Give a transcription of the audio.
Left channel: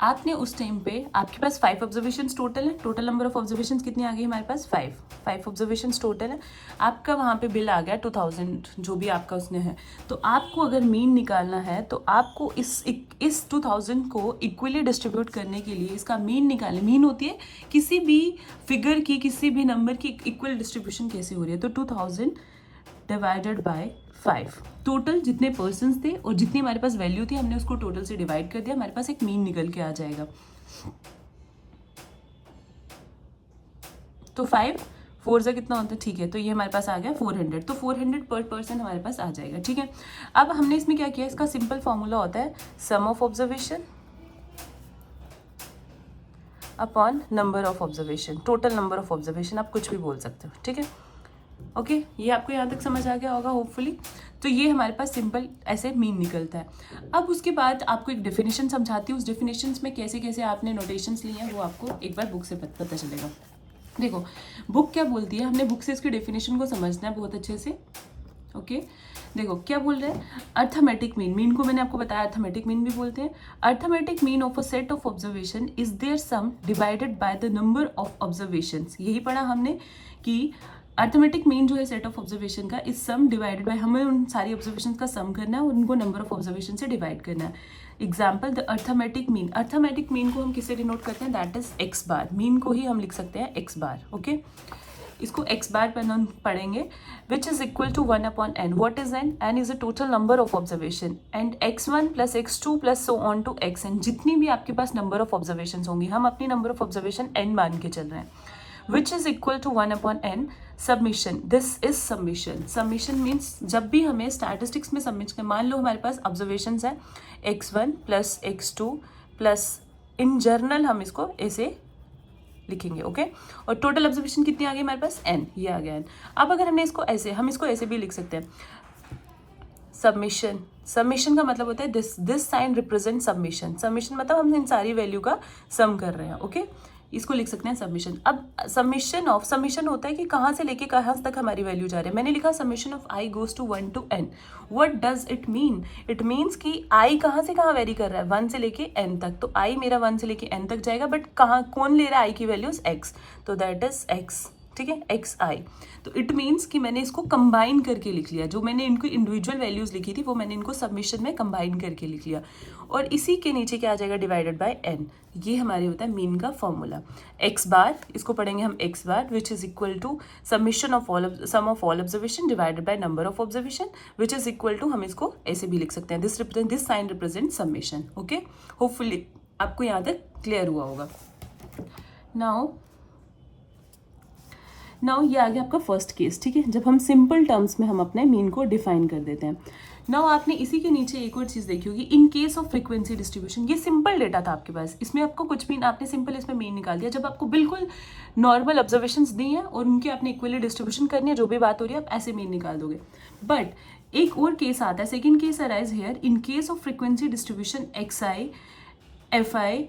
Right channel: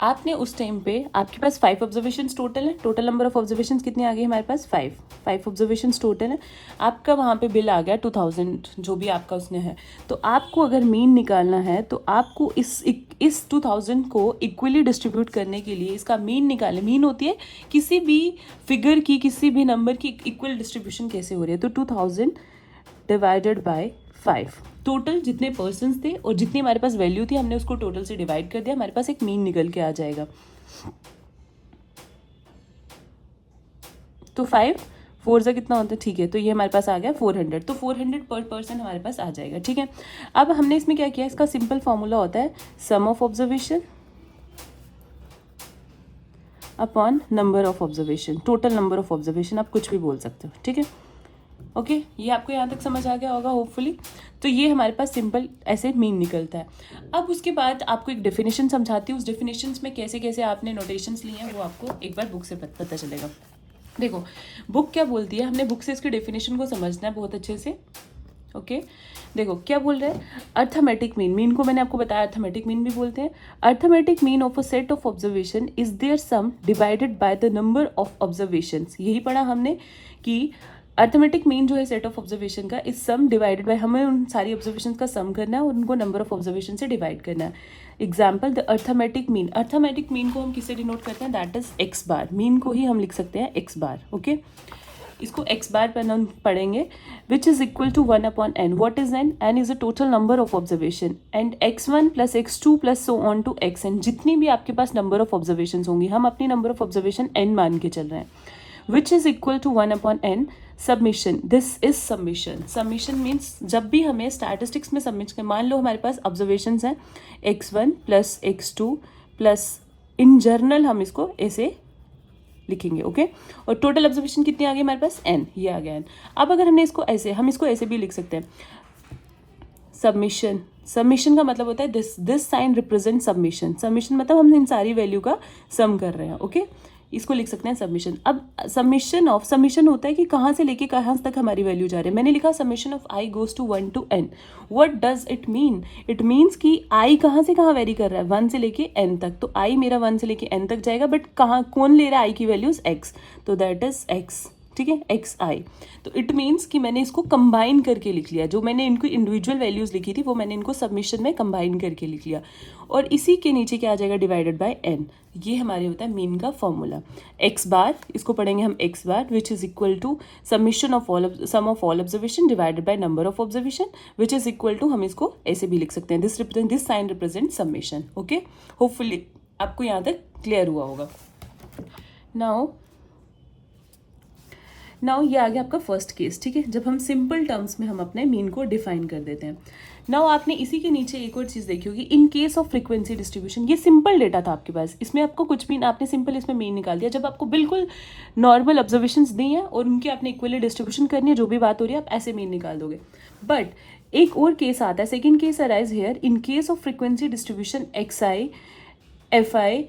आपने उस टाइम पे आपके पास 5 ऑब्जर्वेशन टोटल है, टोटल नंबर ऑफ ऑब्जर्वेशन कितने आ गए हमारे पास 5 ऑब्जर्वेशन टोटल है। आपका वहाँ पे बिल आ गया 2000 जो भी आपका उसने है। तो आपको अगर मीन निकालना है तो आपको इस 2000 को इक्वली डिस्ट्रीब्यूट करने के लिए इसका मीन निकालें। मीन होती है किसी भी फिगर की, किसी भी नंबर की इक्वल डिस्ट्रीब्यूशन कैसे हो रही है। तो 2000 डिवाइडेड बाय 5, टोटल जितने पर्सन थे और जितनी हमारे पास वैल्यू थी हमने उसको टोटल से डिवाइड कर दिया, हमारे पास एक मीन निकल के आ जाएगा। तो 5 4 से कितना होता है, ठीक है, तो ये हमारे पास आ गया 400। तो 400 पर पर्सन हमारे पास आ जाएगा, ठीक है। अब हमने इसमें क्या किया, इसका सिंपल फॉर्मूला होता है sum of observation upon number of observation, total number of observation, आप कुछ भी बोल सकते हो, ठीक है। ओके, ये आपको यहाँ तक समझ आ गया होगा होपफुली। तो ये हमारे पास सिंपल ऐसे मीन निकलता है। अब उसके बाद आपको एक डेफिनेशन समझाती हूँ, उस डेफिनेशन में कैसे कैसे आपने नोटेशंस लिए हैं वो आपको एक बार बुक से पता चलेगा। देखो बुक क्या बोलती है, हमने बुक से इसके डेफिनेशन को समझना है बहुत अच्छे से। ओके देखो क्या बोल रहे हैं, अर्थमेटिक मीन, मीन को मैंने आपको बताया अर्थमेटिक मीन भी बोलते हैं। Arithmetic mean of a set of observation is their sum divided by the number of observations. यही पढ़ा हमने कि अर्थमेटिक मीन जो है सेट ऑफ ऑब्जर्वेशन का इज सम डिवाइडेड बाय, हमें उन सारी ऑब्जर्वेशन का सम करना है और उनको नंबर ऑफ ऑब्जर्वेशन से डिवाइड करना है। Example the arithmetic mean, arithmetic mean को हम किससे डिनोट करते हैं, that is X bar. Mean को ही हम लिख सकते हैं एक्स बार। ओके इसको एक्स बार पर हम पढ़ेंगे, which is equal to 1 upon N. What is N, N is a total number of observation and x1 plus x2 plus so on to xn, जितनी भी आपके पास नंबर ऑफ ऑब्जर्वेशन होंगी, हम अपनी नंबर ऑफ ऑब्जर्वेशन n मान के चल रहे हैं, which is equal to 1 upon N. Summation, this is summation. Summation means जब भी हमें स्टैटिस्टिक्स में सबमिट कर, मान लो हमारे पास ऑब्जर्वेशन हैं x1 प्लस x2 प्लस, इन जर्नल हम इसको ऐसे लिखेंगे। ओके और टोटल ऑब्जर्वेशन कितनी आ गई हमारे पास n, ये आ गया n। अब अगर हमने इसको ऐसे, हम इसको ऐसे भी लिख सकते हैं सबमिशन। सबमिशन का मतलब होता है this sign represent summation. Summation मतलब हम इन सारी वैल्यू का सम कर रहे हैं। ओके इसको लिख सकते हैं सबमिशन। अब सबमिशन ऑफ, सबमिशन होता है कि कहाँ से लेके कहाँ तक हमारी वैल्यू जा रही है। मैंने लिखा summation of i goes to 1 to n। What does it mean, it means कि i कहाँ से कहाँ वेरी कर रहा है, 1 से लेके n तक। तो i मेरा 1 से लेके n तक जाएगा, बट कहाँ कौन ले रहा है i की वैल्यूज x, तो दैट इज x, ठीक है एक्स आई। तो इट मीन्स कि मैंने इसको कंबाइन करके लिख लिया, जो मैंने इनको इंडिविजुअल वैल्यूज लिखी थी वो मैंने इनको सबमिशन में कंबाइन करके लिख लिया, और इसी के नीचे क्या आ जाएगा, डिवाइडेड बाय एन। ये हमारे होता है मीन का फॉर्मूला। एक्स बार, इसको पढ़ेंगे हम X bar, which is equal to summation of all, sum of all observation divided by number of observation, which is equal to, हम इसको ऐसे भी लिख सकते हैं, this sign represent summation. Okay hopefully आपको यहाँ तक क्लियर हुआ होगा। नाउ ये आ गया आपका फर्स्ट केस, ठीक है, जब हम सिंपल टर्म्स में हम अपने मीन को डिफाइन कर देते हैं। नाउ आपने इसी के नीचे एक और चीज़ देखी होगी, इन केस ऑफ फ्रीक्वेंसी डिस्ट्रीब्यूशन। ये सिंपल डेटा था आपके पास, इसमें आपको कुछ भी, आपने सिंपल इसमें मीन निकाल दिया। जब आपको बिल्कुल नॉर्मल ऑब्जर्वेशंस दी हैं और उनकी आपने इक्वली डिस्ट्रीब्यूशन करनी है, जो भी बात हो रही है आप ऐसे मीन निकाल दोगे। बट एक और केस आता है, second case arise here, in case of frequency distribution X I F I